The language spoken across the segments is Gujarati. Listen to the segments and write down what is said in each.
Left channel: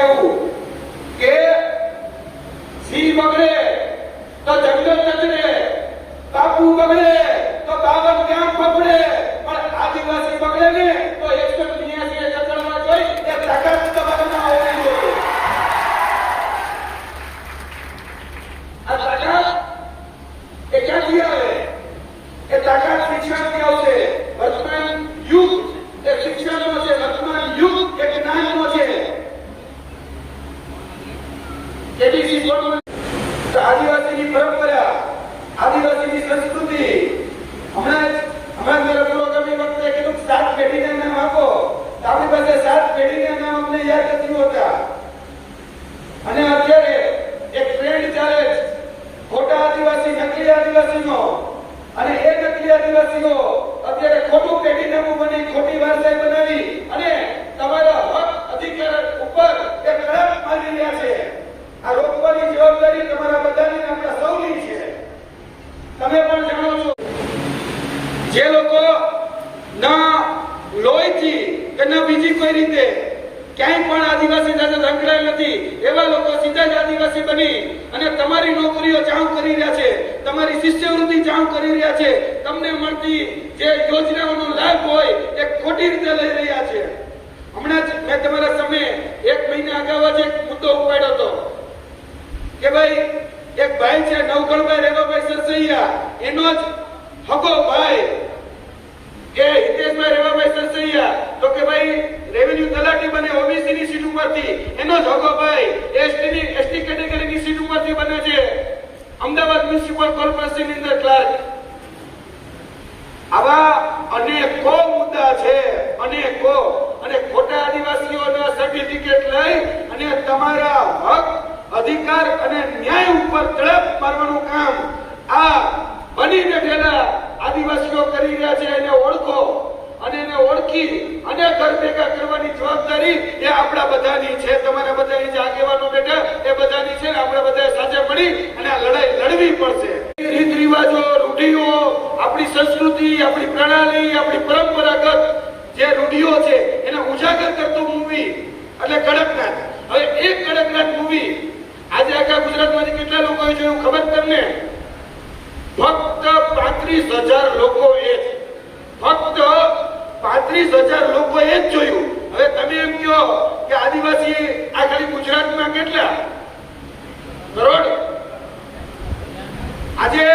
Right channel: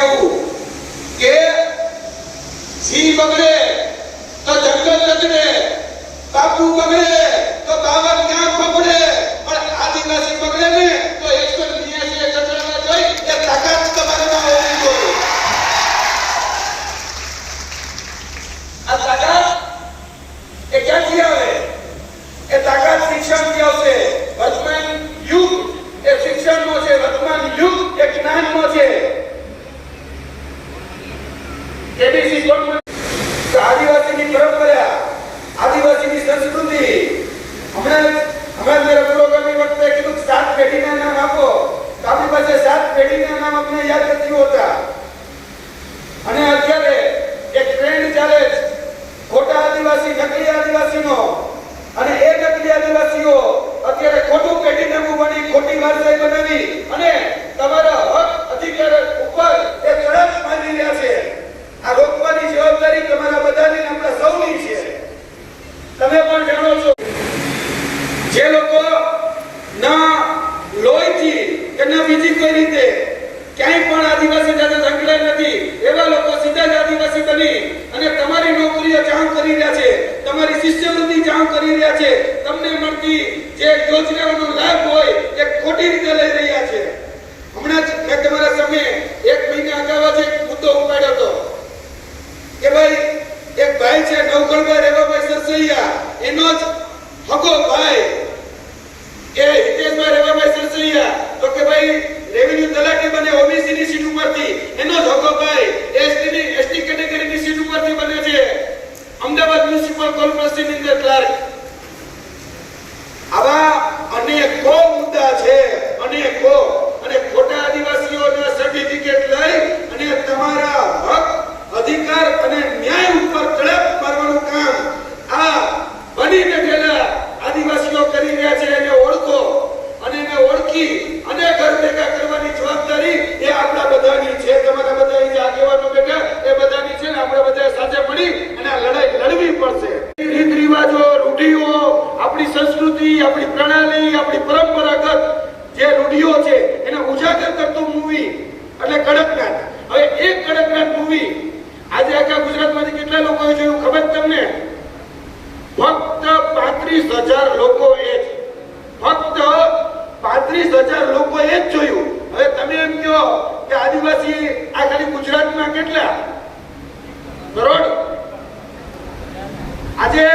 કેવું કે સિંહ બગડે તો જંગલ કચડે, બાપુ બગડે તો 52 ગામ બગડે, પણ આદિવાસી બગડે ને તો 182 કચડામાં જોઈ એ તાકાત તમારામાં હોવી જોઈએ. આ તાકાત એ ક્યાંથી આવે? એ તાકાત શિક્ષણથી આવશે. વર્તમાન યુગ એ શિક્ષણનો છે, વર્તમાન યુગ એ જ્ઞાનનો છે. એબીસી બોર્ડ આદિવાસીની પરંપરા, આદિવાસીની સંસ્કૃતિ, હમણાં જરા પુરોગામી વખતે કીધું 7 પેઢીના નામ આપો. આપણી પાસે 7 પેઢીના નામ અમને યાદ નથી હોતા. અને અત્યારે એક ટ્રેન્ડ ચાલે છે ખોટા આદિવાસી, નકલી આદિવાસીનો. અને એ નકલી આદિવાસીઓ અત્યારે ખોટું પેઢી નામું બની, ખોટી વારસાઈ બનાવી અને તમારા હક અધિકાર ઉપર એ તરફ મારી રહ્યા છે. આ રોકવાની જવાબદારી તમારા બધાની, આપણા સૌની છે. તમે પણ જાણો છો જે લોકો ના લોહીથી કે ના બીજી કોઈ રીતે ક્યાંય પણ આદિવાસી સાથે સંકળાયેલ નથી, એવા લોકો સીધા જ આદિવાસી બની અને તમારી નોકરીઓ ચાઉ કરી રહ્યા છે, તમારી શિષ્યવૃત્તિ ચાઉ કરી રહ્યા છે, તમને મળતી જે યોજનાઓનો લાભ હોય એ ખોટી રીતે લઈ રહ્યા છે. હમણાં જ મેં તમારા સામે 1 મહિના અગાઉ જ એક મુદ્દો ઉપાડ્યો હતો કે ભાઈ એક ભાઈ છે નવગણભાઈ રેવાભાઈ સરસૈયા, એનો જ હગો ભાઈ એ હિતેશભાઈ રેવાભાઈ સરસૈયા, તો કે ભાઈ રેવન્યુ તલાટી બને ઓબીસી ની સીટ ઉપરથી, એનો જ હગો ભાઈ એસટી કેટેગરીની સીટ ઉપરથી બને છે અમદાવાદ મ્યુનિસિપલ કોર્પોરેશનની અંદર ક્લાર્ક. આવા અનેકો મુદ્દા છે, અનેકો. અને ખોટા આદિવાસીઓના સર્ટિફિકેટ લઈ અને તમારા હક અધિકાર અને ન્યાય ઉપર તડપ મારવાનું કામ આ બની બેઠેલા આદિવાસીઓ કરી રહ્યા છે. એને ઓળખો અને એને ઓળખી અને ઘર ભેગા કરવાની જવાબદારી એ આપણા બધાની છે. તમારા બધા જે આગેવાનો બેઠા એ બધાની છે. આપણે બધા સાથે મળી અને આ લડાઈ લડવી પડશે. રીત રિવાજો, રૂઢિઓ, આપણી સંસ્કૃતિ, આપણી પ્રણાલી, આપણી પરંપરાગત જે રૂઢિઓ છે એને ઉજાગર કરતો મૂવી એટલે કડકનાથ. હવે એક કડકનાથ મૂવી આજે આખા ગુજરાતમાંથી કેટલા લોકોએ જોયું ખબર તમને? ફક્ત 35,000 લોકોએ, ફક્ત 35,000 લોકોએ જ જોયું. હવે તમે એમ કહો કે આદિવાસી આ ખાલી ગુજરાતમાં કેટલા કરોડ? આજે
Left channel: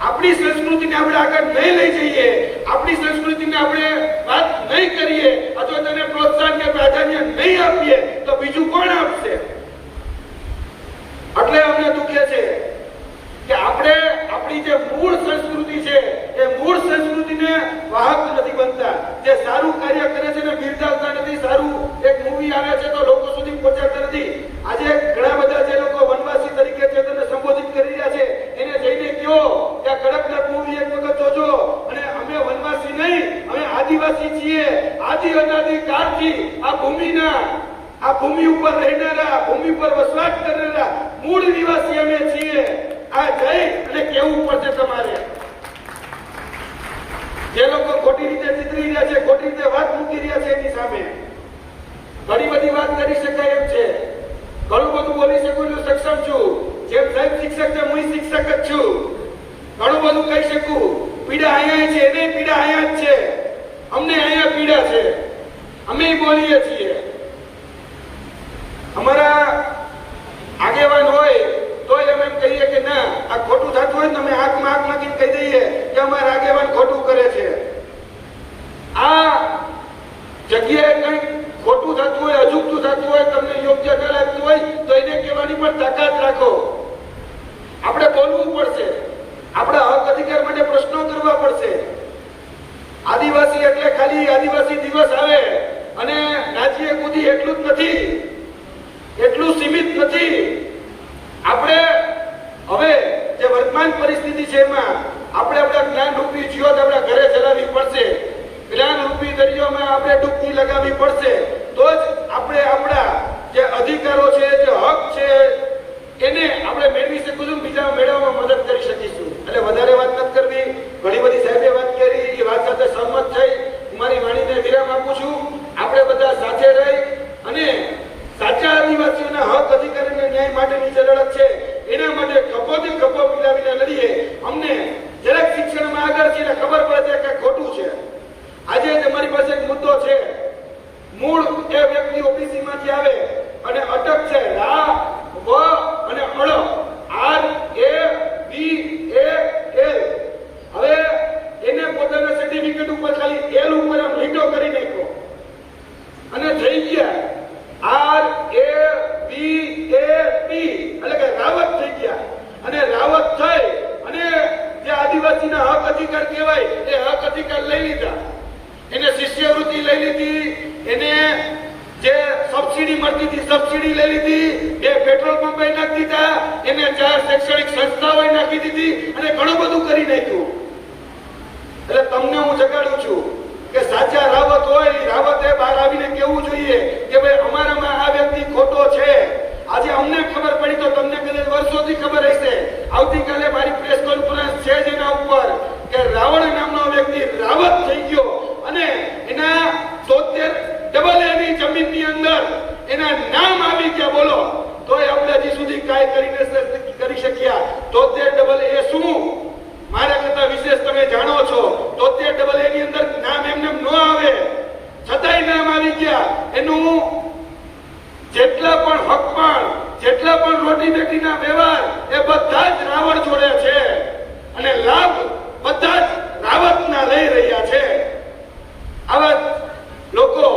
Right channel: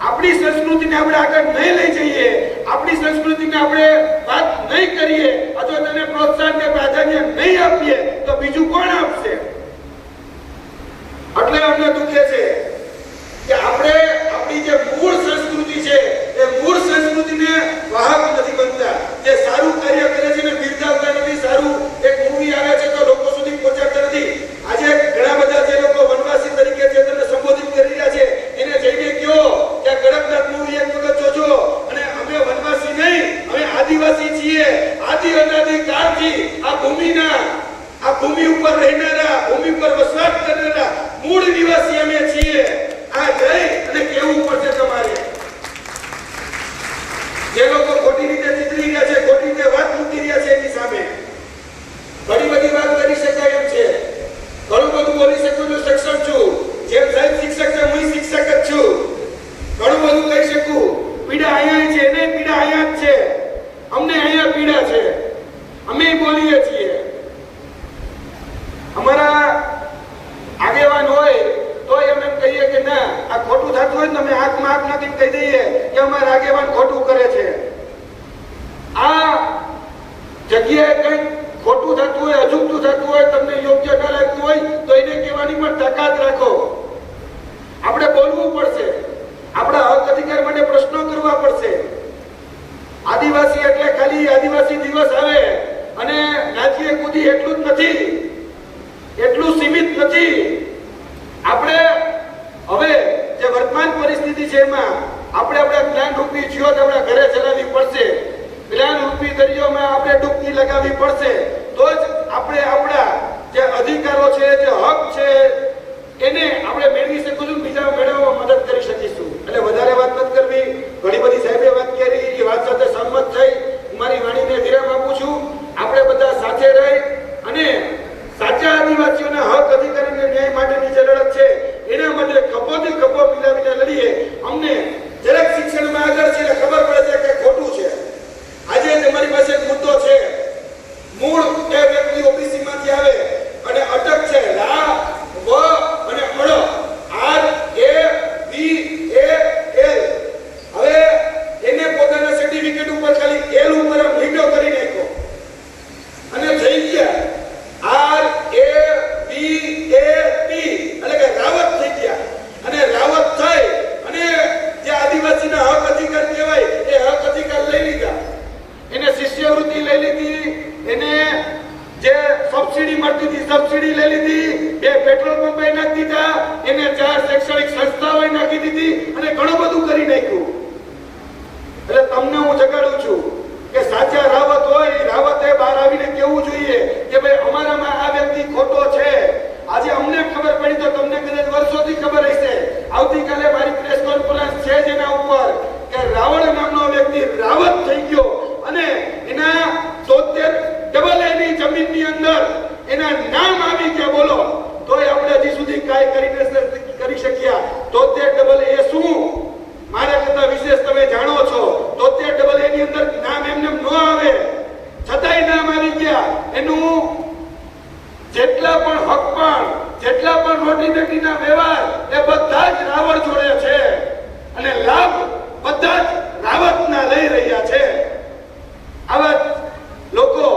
આપણી સંસ્કૃતિને આપણે આગળ નહીં લઈ જઈએ, આપણી સંસ્કૃતિને આપણે વાત નહીં કરીએ, અથવા તેને પ્રોત્સાહન કે પ્રાધાન્ય નહીં આપીએ તો બીજું કોણ આપશે? એટલે અમને દુખે છે કે આપણે આપણી જે મૂળ સંસ્કૃતિ છે એ મૂળ સંસ્કૃતિને વાહક નથી બનતા. જે સારું કાર્ય કરે છે ને બિરદાવતા નથી. સારું એક મૂવી આવે છે તો લોકો સુધી પહોંચાડતા નથી. આજે ઘણા બધા જે લોકો વનવાસી તરીકે છે તેમને સંબોધિત કરી રહ્યા છે, એને જઈને કહો કે કડકનાથ મૂવી એક વખત જોજો. અને અમે વનવાસી નહીં, અમે આદિવાસી છીએ. આદિ અનાદિ કાળથી આ ભૂમિ ઉપર રહેનારા, ભૂમિ પર વસવાટ કરનારા મૂળ નિવાસી અમે છીએ. આ જઈ અને કહેવું પડશે તમારે. જે લોકો ખોટી રીતે ચિતરી રહ્યા છે, ખોટી રીતે વાત મૂકી રહ્યા છે એની સામે ઘણી બધી વાત કરી શકાય એમ છે, ઘણું બધું બોલી શકું છું, સક્ષમ છું. જેમ સાહેબ શિક્ષક છે, હું શિક્ષક જ છું. ઘણું બધું કહી શકું. પીડા અહીંયા છે, એને પીડા અહીંયા જ છે, અમને અહીંયા પીડા છે, અમે બોલીએ છીએ. અમારા આગેવાન હોય તો એમ કહીએ કે ના આ ખોટું થતું હોય ને અમે આંખમાં આંખ નાખીને કહી દઈએ કે અમારા આગેવાન ખોટું કરે છે. આ જગ્યાએ કંઈક ખોટું થતું હોય, અજુગતું થતું હોય, તમને યોગ્ય ન લાગતું હોય તો એને કહેવાની પણ તાકાત રાખો. આપણે બોલવું પડશે, આપણા હક અધિકાર માટે પ્રશ્નો કરવા પડશે. આદિવાસી એટલે ખાલી આદિવાસી દિવસ આવે અને નાચીએ કૂદી એટલું જ નથી, એટલું સીમિત નથી. આપણે હવે જે વર્તમાન પરિસ્થિતિ છે એમાં આપણે આપણા જ્ઞાન રૂપી જીવન આપણા ઘરે ચલાવવી પડશે. જ્ઞાન રૂપી દરિયામાં આપણે ડૂબકી લગાવવી પડશે. તો જ આપણે આપણા જે અધિકારો છે, જે હક છે એને આપણે મેળવી શકીશું, બીજા મેળવવામાં મદદ કરી શકીશું. એટલે વધારે વાત નથી કરવી. ઘણી બધી સાહેબે વાત કરી, એ વાત સાથે સહમત થઈ મારી વાણીને વિરામ આપું છું. આપણે બધા સાથે રહી અને સાચા બી ખભો મિલાવીને લડીએ. અમને જરાક શિક્ષણમાં આગળ છે ખબર પડે છે કે ખોટું છે. આજે તમારી પાસે એક મુદ્દો છે. મૂળ એ વ્યક્તિ ઓબીસી માંથી આવે અને અટક છે રા વ અને અળ આર એ બી એ એલ. હવે એને પોતાના સર્ટિફિકેટ ઉપર ખાલી એલ ઉપર લીટો કરી નાખ્યો અને થઈ ગયા આર એ બી એ ટી એટલે કે રાવત થઈ ગયા. અને રાવત થઈ અને જે આદિવાસીના હક અધિકાર કહેવાય એ હક અધિકાર લઈ લીધા. એને શિષ્યવૃત્તિ લઈ લીધી, એને જે સબસિડી મળતી હતી સબસિડી લઈ લીધી, એ પેટ્રોલ પંપે નાખી દીધા, એને 4 શૈક્ષણિક સંસ્થાઓ નાખી દીધી અને ઘણું બધું કરી નાખ્યું. એટલે તમને હું જગાડું છું કે સાચા રાવત હોય રાવતે બહાર આવીને કહેવું જોઈએ કે ભાઈ અમારામાં આ વ્યક્તિ ખોટો છે. આજે અમને ખબર પડી તો તમને કદાચ વર્ષોથી ખબર હશે. આવતીકાલે મારી પ્રેસ કોન્ફરન્સ છે જેના ઉપર કે રાવણ નામનો વ્યક્તિ રાવત થઈ ગયો અને એના 73 ની જમીનની અંદર એના નામ આવી ગયા. બોલો તોય આપણે હજી સુધી કાંઈ કરી શક્યા. 73 એ શું મારા કરતા વિશેષ તમે જાણો છો. 73 ની અંદર નામ એમને ન આવે છતાંય નામ આવી ગયા. એનું જેટલા પણ હક પણ જેટલા પણ રોટી બેટીના વ્યવહાર એ બધા જ રાવણ જોડે છે અને લાભ બધા જ રાવતના લઈ રહ્યા છે. આવા લોકો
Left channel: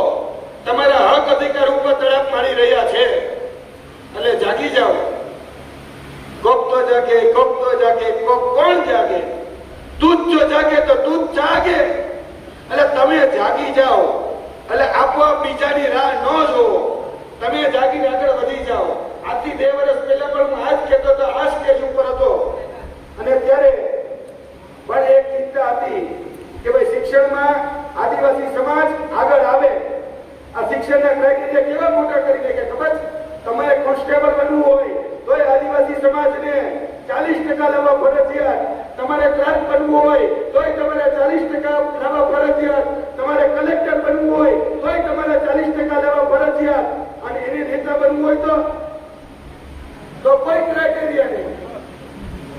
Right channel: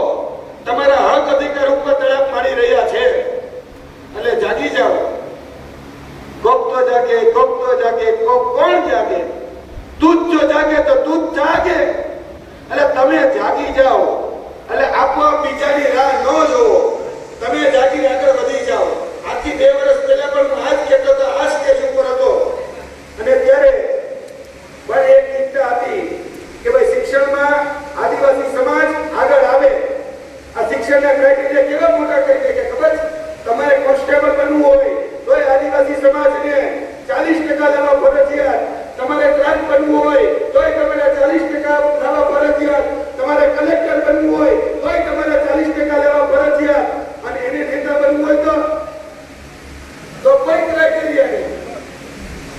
તમારા હક અધિકાર ઉપર તડપ મારી રહ્યા છે. એટલે જાગી જાઓ. કોક તો જાગે, કોક તો જાગે, કોક કોણ જાગે? તું જો જાગે તો તું જાગે. એટલે તમે જાગી જાઓ. એટલે આપોઆપ બીજાની રાહ ન જોવો. તમે જાગીને આગળ વધી જાઓ. આજથી 2 વર્ષ પહેલા પણ હું આ જ કહેતો હતો, આ સ્ટેજ ઉપર હતો અને ત્યારે પણ એક ચિંતા હતી કે ભાઈ શિક્ષણમાં આદિવાસી સમાજ આગળ આવે. આ શિક્ષણના ક્રાઇટેરિયા કેવા મોટા કરી દે કે ખબર તમારે કોન્સ્ટેબલ બનવું હોય તોય આદિવાસી સમાજને 40% લેવા ફરજિયાત. તમારે ક્લાર્ક બનવું હોય તોય તમારે 40% લેવા ફરજિયાત. તમારે કલેક્ટર બનવું હોય તોય તમારે 40% લેવા ફરજિયાત. અને એને નેતા બનવું હોય તો કોઈ ક્રાઇટેરિયા નહીં.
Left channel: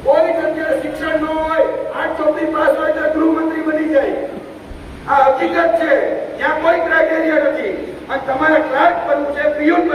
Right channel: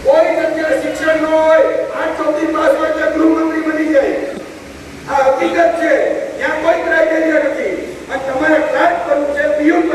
કોઈ જગ્યાએ શિક્ષણ ન હોય 8 ચોપડી પાસ હોય તો ગૃહમંત્રી બની જાય. આ હકીકત છે. ત્યાં કોઈ ક્રાઇટેરિયા નથી. અને તમારે ક્લાર્ક બનવું છે, પીયુન